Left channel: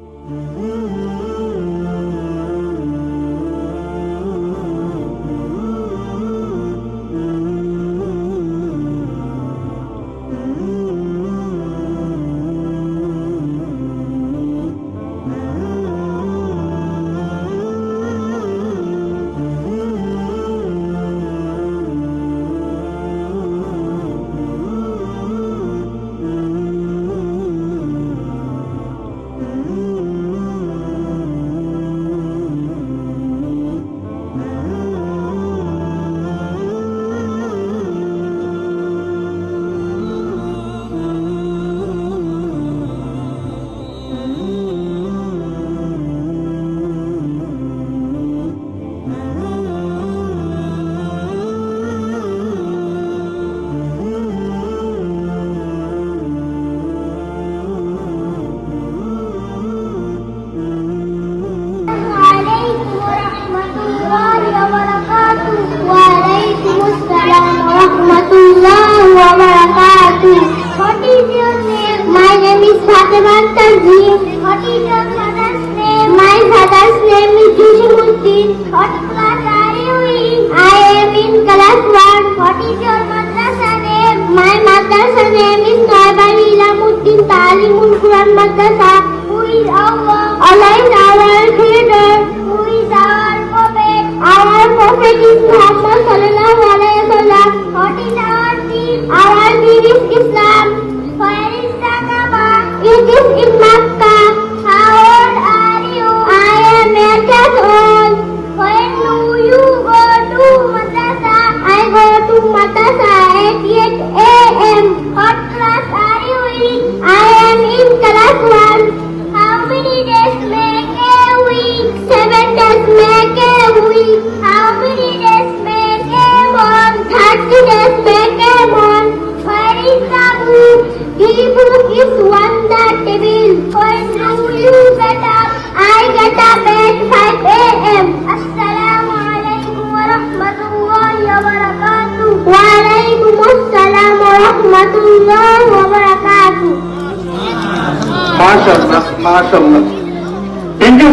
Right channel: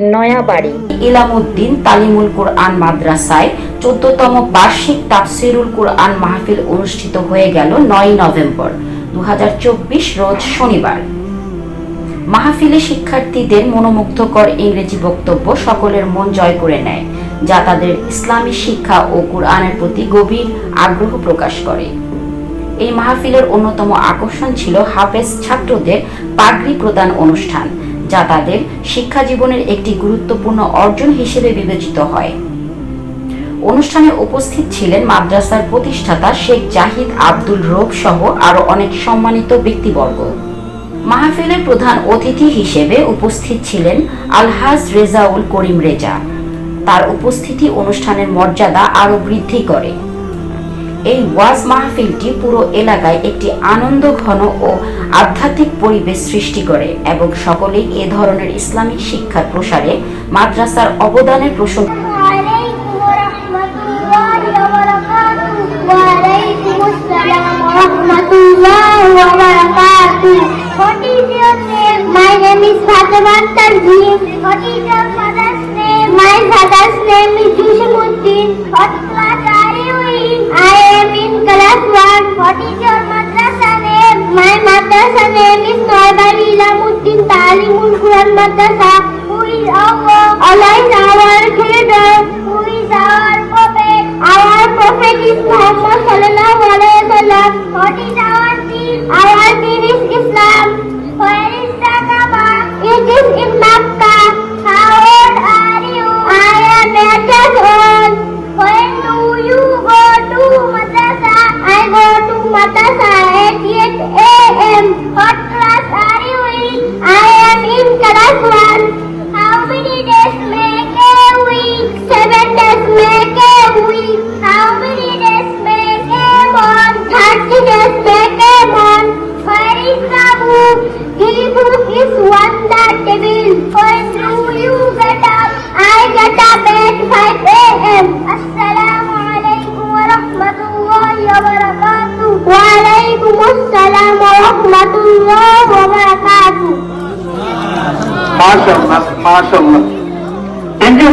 নয়াবাড়ি, ইলামুদ্দিন তালিমুল কোরআন মাদ্রাসায় চোদ্দতম বার্ষিক তাফসিরুল কোরআন মাহফিল অনুষ্ঠিত হয়ে গেল নয় নভেম্বর দু হাজার চব্বিশ রোজ শনিবার। মাহফিলে শিক্ষার্থীদের মনোমুগ্ধকর ইংরেজি বক্তব্য সকলের মন জয় করে নেয়, যা তাদের ইসলামী শিক্ষা ও কোরআনের প্রতি গভীর আগ্রহ প্রকাশ করে। এই মাহফিলের অন্যতম আকর্ষণ ছিল হাফেজ ছাত্রদের পাগড়ি প্রদান অনুষ্ঠান, যা তাদের শিক্ষা জীবনের একটি গুরুত্বপূর্ণ অর্জন হিসেবে বিবেচিত হয়। অনুষ্ঠানে উপস্থিত ছিলেন মাদ্রাসার প্রতিষ্ঠাতা শেখ জাহিদ আব্দুল রব সহ আরও অনেক সম্মানিত ব্যক্তিবর্গ। মাহফিলের প্রধান অতিথি হিসেবে উপস্থিত ছিলেন আলহাজ রেজাউল করিম রেজা। তার উপস্থিতি অনুষ্ঠানের মর্যাদা আরও বৃদ্ধি করে। এই ওয়াজ মাহফিলটি পুরো এলাকায় একটি আনন্দ, ঘন ও আধ্যাত্মিক পরিবেশ সৃষ্টি করে এবং সকলে এ ধরনের ইসলামিক শিক্ষার প্রসারে মাদ্রাসার অবদানের প্রসঙ্গ Talimul Who is our Allah our creator? Who is our prophet? Our prophet is Muhammad sallallahu alaihi wasallam. What is our deen? Our deen is Islam. Where is the Kaaba? It is in Makkah. How old are you? I am eight years old. When do you go to madrasa? I go to madrasa at 8 a.m. What class are you in? I I get up at 5 a.m.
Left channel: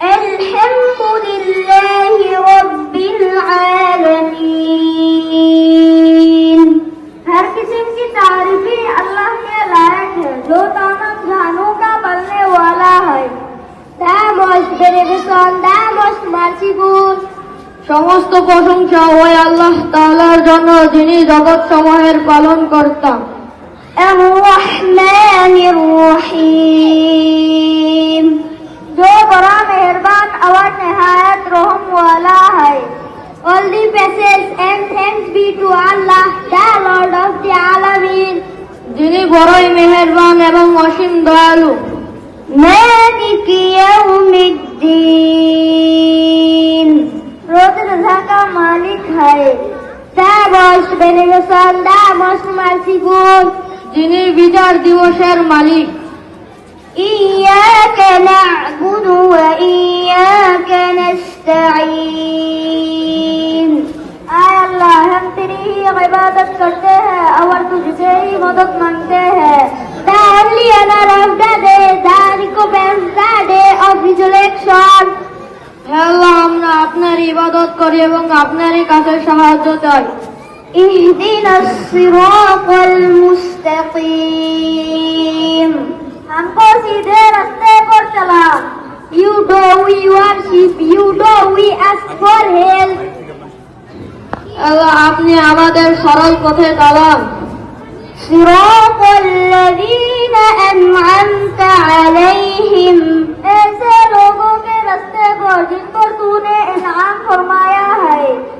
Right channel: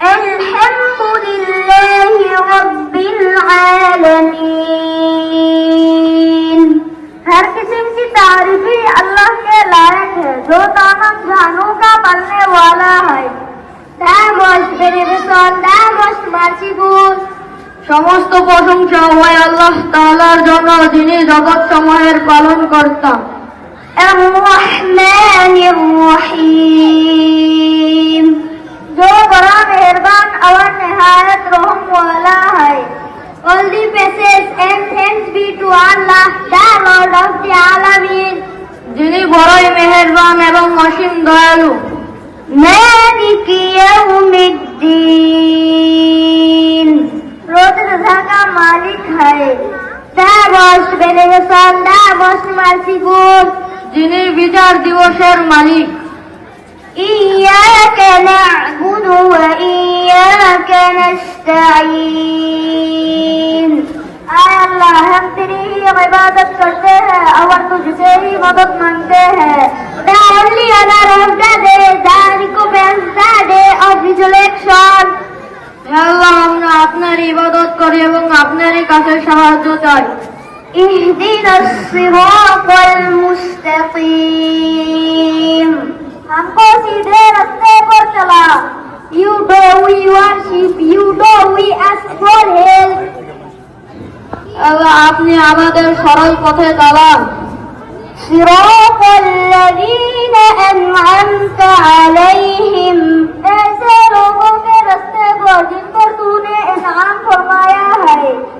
الحمد لله رب العالمين हर किस्म की तारीफी अल्लाह के लायक है जो तमाम जानों का बनने वाला है The most beneficent, the most merciful, সমস্ত প্রশংসা হয় আল্লাহ তাআলার জন্য যিনি জগৎ সমূহের পালন কর্তা الرحمن الرحيم जो बड़ा मेहरबान और नहायत रहम वाला है All the praises and thanks be to Allah, the Lord of the Alameen. যিনি বড়ই মেহেরবান এবং অসীম দয়ালু মালিকি ইয়াউমিদ্দিন রোজ রোজা কা মালিক হয় তা বস বেনে দা বস মাসিকুন যিনি বিচার দিবসের মালিক ইয়াকে Day, the recompense the day of resurrection. আল্লাহ আমরা আপনার ইবাদত করি এবং আপনারই কাছে সাহায্য চাই ইহদিন সিরাতাল মুস্তাকিম हमको सीधे रास्ते पर चला You do we worship, you do we ask for help. আল্লাহ আপনি আমাদের সরল পথে চালান صراط الذين أنعمت عليهم ऐसे लोगों के रास्ते पर जिन पर तूने इनाम फरमाया है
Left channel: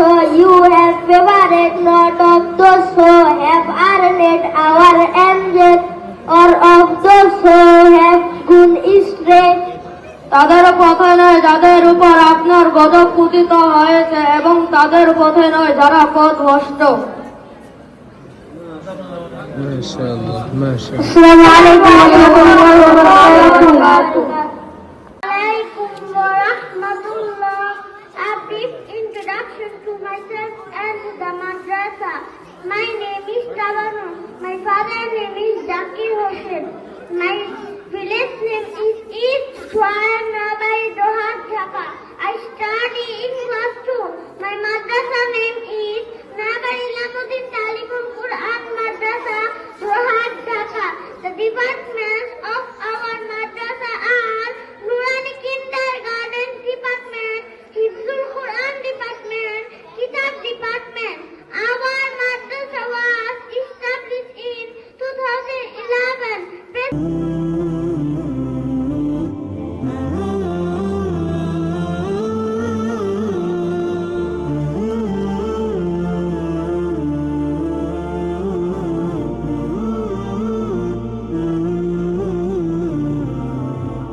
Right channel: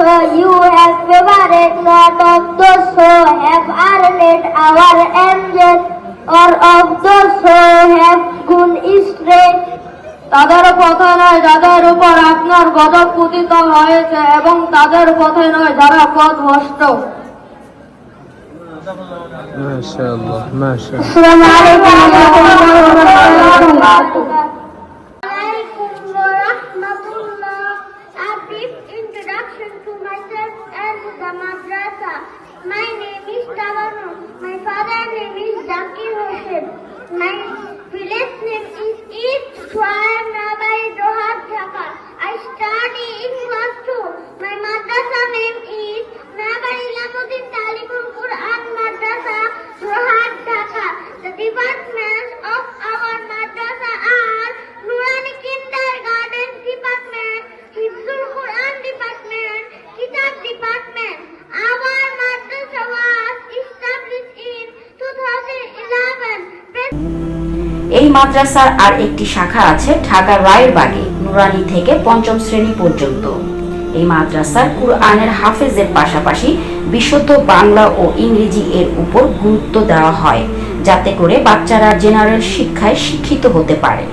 so you have favored not of those who have earned our angels, or of those who have gone astray. তাদের পথে নয় যাদের উপর আপনার গদক পুতিত হয়েছে এবং তাদের পথে নয় যারা পথ ভ্রষ্ট মাশাআল্লাহ মাশাআল্লাহ মাদ্রাসার আর একটি শাখা আছে ঢাকা রায়েরবাগে, নুরানি থেকে পঞ্চম শ্রেণি পর্যন্ত। এই মাদ্রাসার কুরআনের হাফেজের পাশাপাশি বিশুদ্ধ বাংলা ও ইংরেজি এর উপর গুরুত্ব দেওয়া হয়, যাতে করে বাচ্চারা জেনারেল শিক্ষায় শিক্ষিত হতে পারে।